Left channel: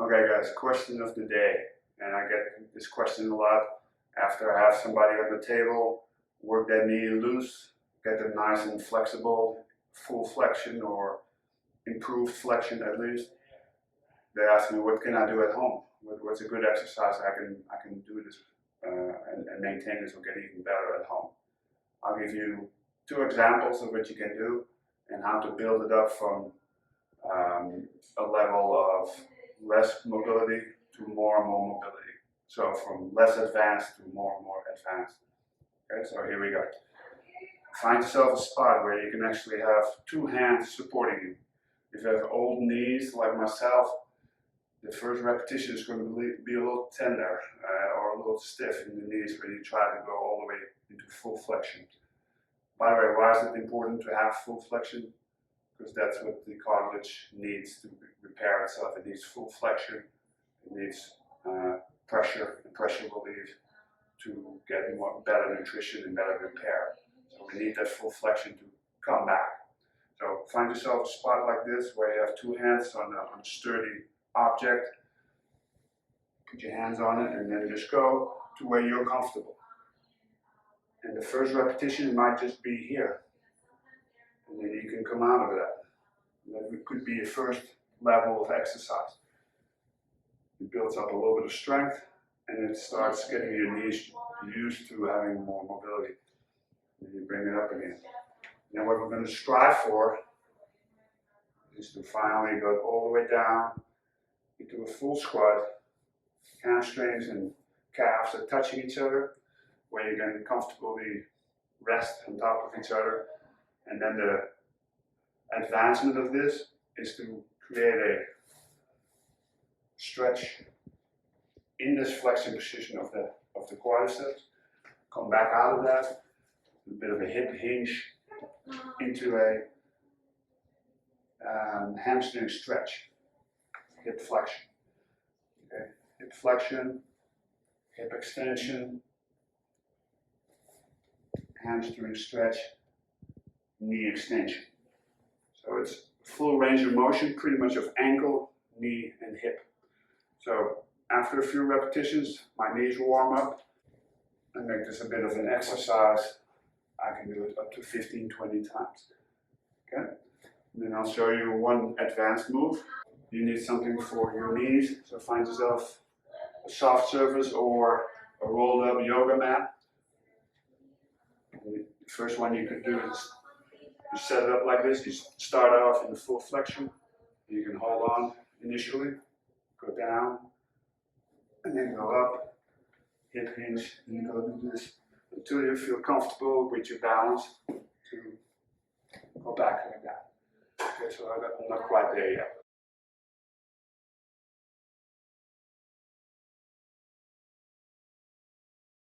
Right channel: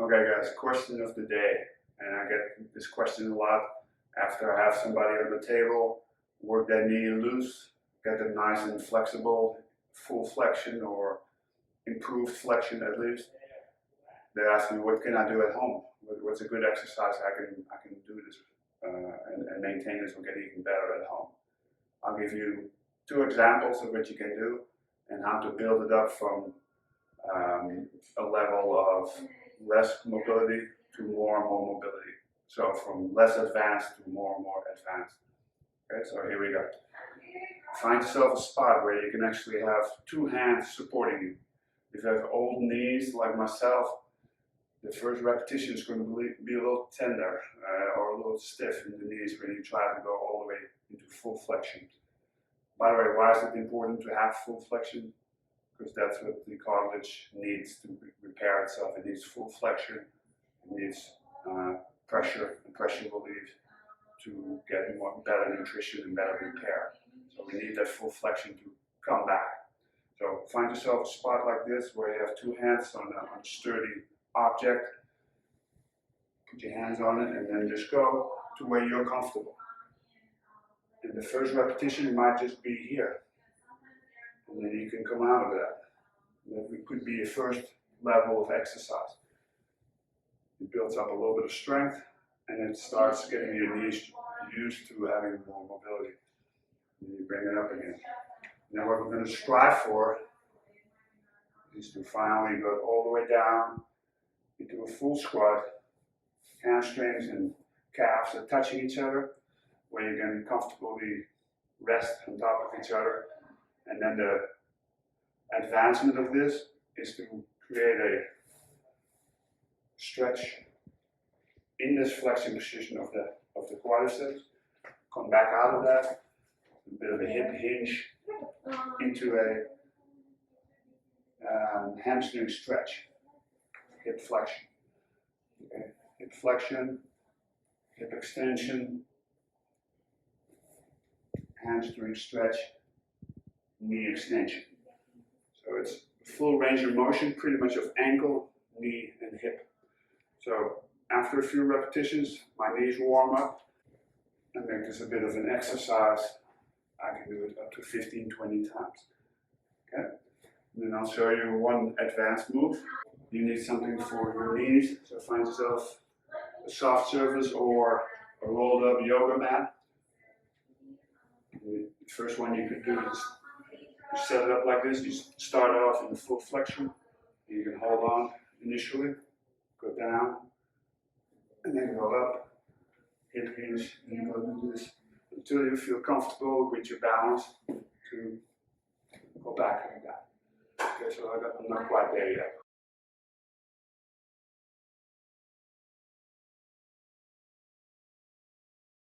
Okay guys, question of the day, and I get this question a lot after I have somebody at the table work their knee loose, get them nice and flexible, full flexion or improved flexion at least. They ask me, what can I do at home? What's a good exercise I can do this and maintain this or get even better at home? I'll give you two examples of what you can do and how to build it up from a level of less mobility to more and more mobility. So from less advanced to more and more advanced. Okay, so here we go. Find yourself a spot where you can actually have two hands supporting you. If you have old knees like myself, the first repetition is going to be a little tender or a little stiff in the knees when you try to go all the way into full flexion. By the way, why is it important to have full flexion? Because that's what the cartilage needs to repair itself. It needs full flexion, it needs pressure and pressure relief to get better nutrition and better repair. So we need that full flexion to come back. So find yourself a spot like this where you have two hands on a sturdy object. Put your hands on it and then just go to where you're comfortable. And the first repetition might just be here. And then you can come out of that. That could be your first level of exercise. It builds up a little bit of strength and it starts getting your knees used to having more mobility. And you bring it up again. Now what we're going to strive for is to finally go all the way down into a full squat. Hamstrings and calves are touching each other, where you can comfortably rest on top of each other. And then the advancement of this is to create a stretch in this flexing position of the quadriceps. Come back out of that, a bit of a hip hinge into a hamstring stretch, hip flexion. Okay. Hip flexion, hip extension, hamstring stretch, knee extension. So it's full range of motion, pretty much of ankle, knee, and hip. So after a few repetitions, my knees warm up and make this a bit of an exercise. I can do it up to 15-20 times. Okay? And then I'll show you one advanced move. You need something for your knees, so find yourself a soft surface or a rolled up yoga mat. The first one you could do is you set it up like this. You start off in the full flexion. You can hold on initially, go down, and then go up, hip hinge, and you go do this until you feel comfortable with your balance to go back like that. Okay, so I'm not quite there yet.